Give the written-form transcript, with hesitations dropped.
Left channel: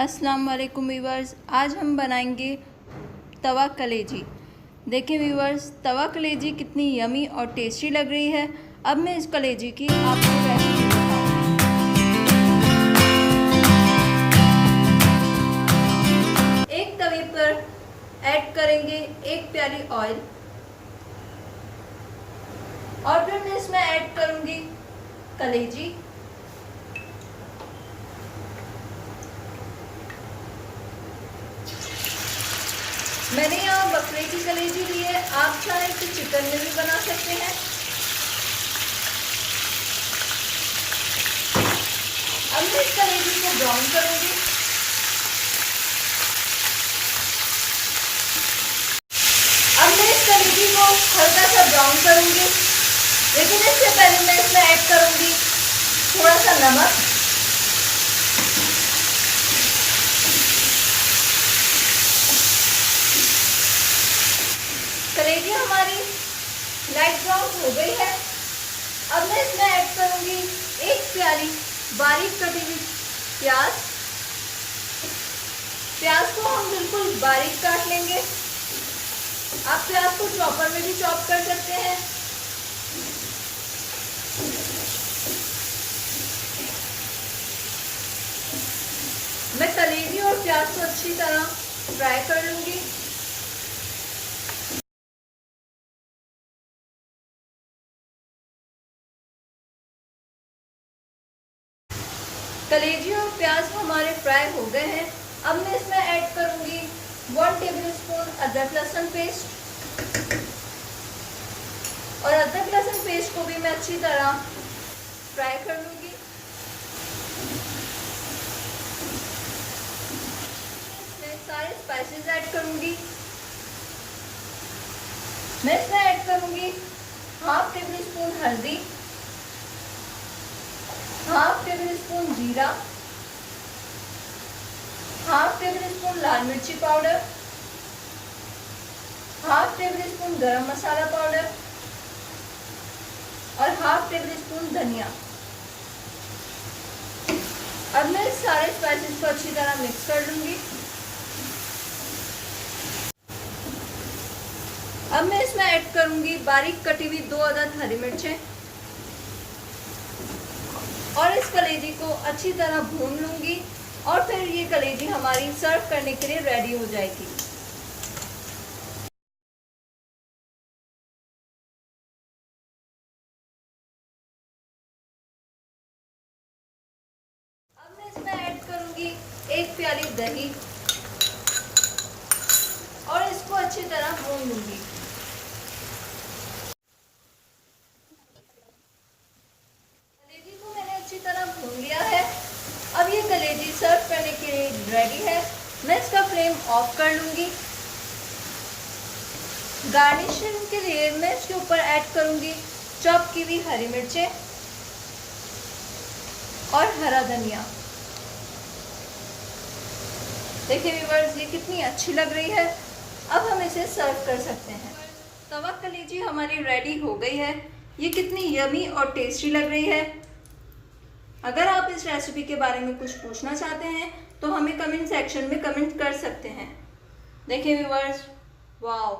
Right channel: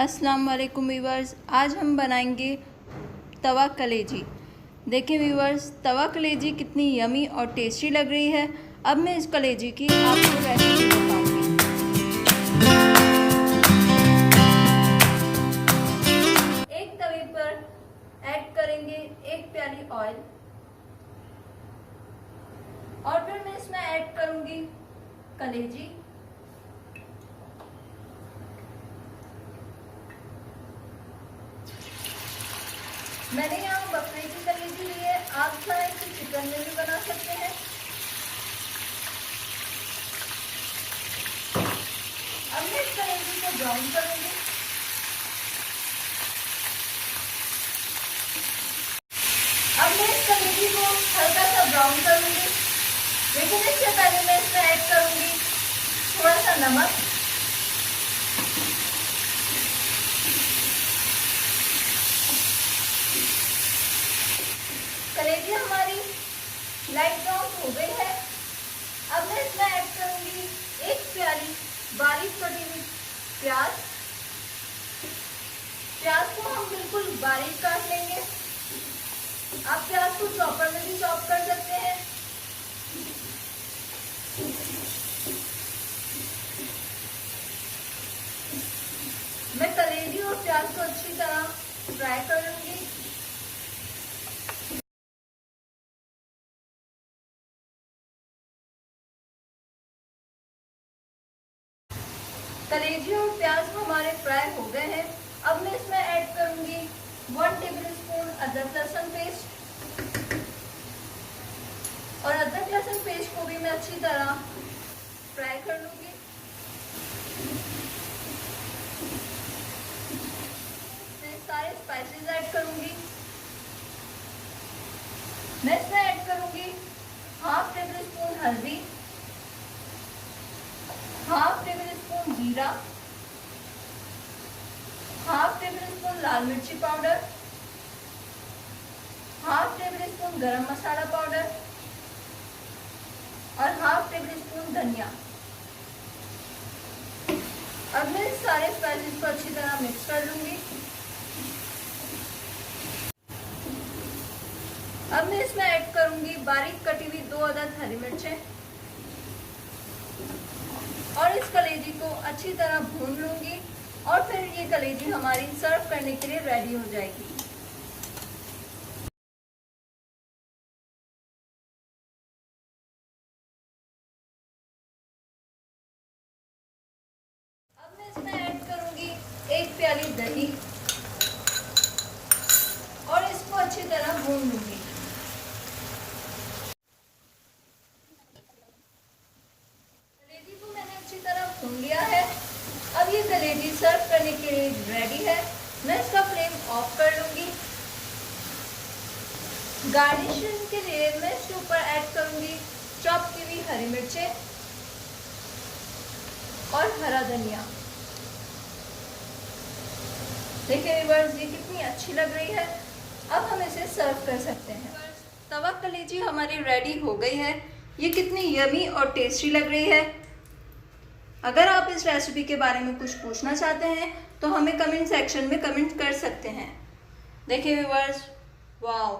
अस्सलाम वालेकुम व्यूवर्स, आज हम बनाएंगे तवा कलेजी। देखिए व्यूवर्स, तवा कलेजी कितनी यमी और टेस्टी लग रही है। अब मैं इस कलेजी की आपको रेसिपी बताऊंगी। एक तवे पर ऐड करेंगे एक प्याली ऑयल और फिर मैं इसमें ऐड करूंगी कलेजी। मैंने यहाँ बकरे की कलेजी ली है, आप चाहे तो चिकन में भी बना सकते हैं। अब मैं इस कलेजी को ब्राउन करूंगी। अब मैं इस कलेजी को हल्का सा ब्राउन करूंगी, लेकिन इससे पहले मैं इसमें ऐड करूंगी थोड़ा सा नमक, कलेजी हमारी लाइट ब्राउन हो गई है। अब मैं इसमें ऐड करूंगी एक प्याली बारीक कटी हुई प्याज। प्याज को हम बिल्कुल बारीक काट लेंगे। आप प्याज को चॉपर में भी चॉप कर सकते हैं। मैं कलेजी और प्याज को अच्छी तरह फ्राई कर लूंगी। कलेजी और प्याज हमारे फ्राई हो गए हैं। अब मैं इसमें ऐड करूंगी 1 टेबलस्पून अदरक लहसुन पेस्ट, और अदरक लहसुन पेस्ट को भी मैं अच्छी तरह फ्राई कर लूंगी। इसमें सारे स्पाइसेस ऐड करूंगी। मैं इसमें ऐड करूंगी 1/2 टेबलस्पून हल्दी, 1/2 टेबलस्पून जीरा, 1/2 टेबलस्पून लाल मिर्ची पाउडर, 1/2 टेबलस्पून गरम मसाला पाउडर और 1/2 टेबलस्पून धनिया। अब मैं सारे स्पाइसेस को अच्छी तरह मिक्स कर लूंगी। अब मैं इसमें ऐड करूंगी बारीक कटी हुई 2 अदद हरी मिर्चें और इस कलेजी को अच्छी तरह भून लूंगी, और फिर ये कलेजी हमारी सर्व करने के लिए रेडी हो जाएगी। अब मैं इसमें ऐड करूंगी एक प्याली दही और इसको अच्छी तरह भून लूंगी। भून लिया है। अब ये कलेजी सर्व करने के लिए रेडी है। मैं इसका फ्लेम ऑफ कर लूंगी। गार्निशिंग के लिए मैं इसके ऊपर ऐड करूंगी चॉप की हुई हरी मिर्चें और हरा धनिया। देखिए व्यूअर्स, ये कितनी अच्छी लग रही है। अब हम इसे सर्व कर सकते हैं। तवा कलेजी हमारी रेडी हो गई है। ये कितनी यमी और टेस्टी लग रही है। अगर आप इस रेसिपी के बारे में कुछ पूछना चाहते हैं तो हमें कमेंट सेक्शन में कमेंट कर सकते हैं। देखिए व्यूअर्स, वाओ,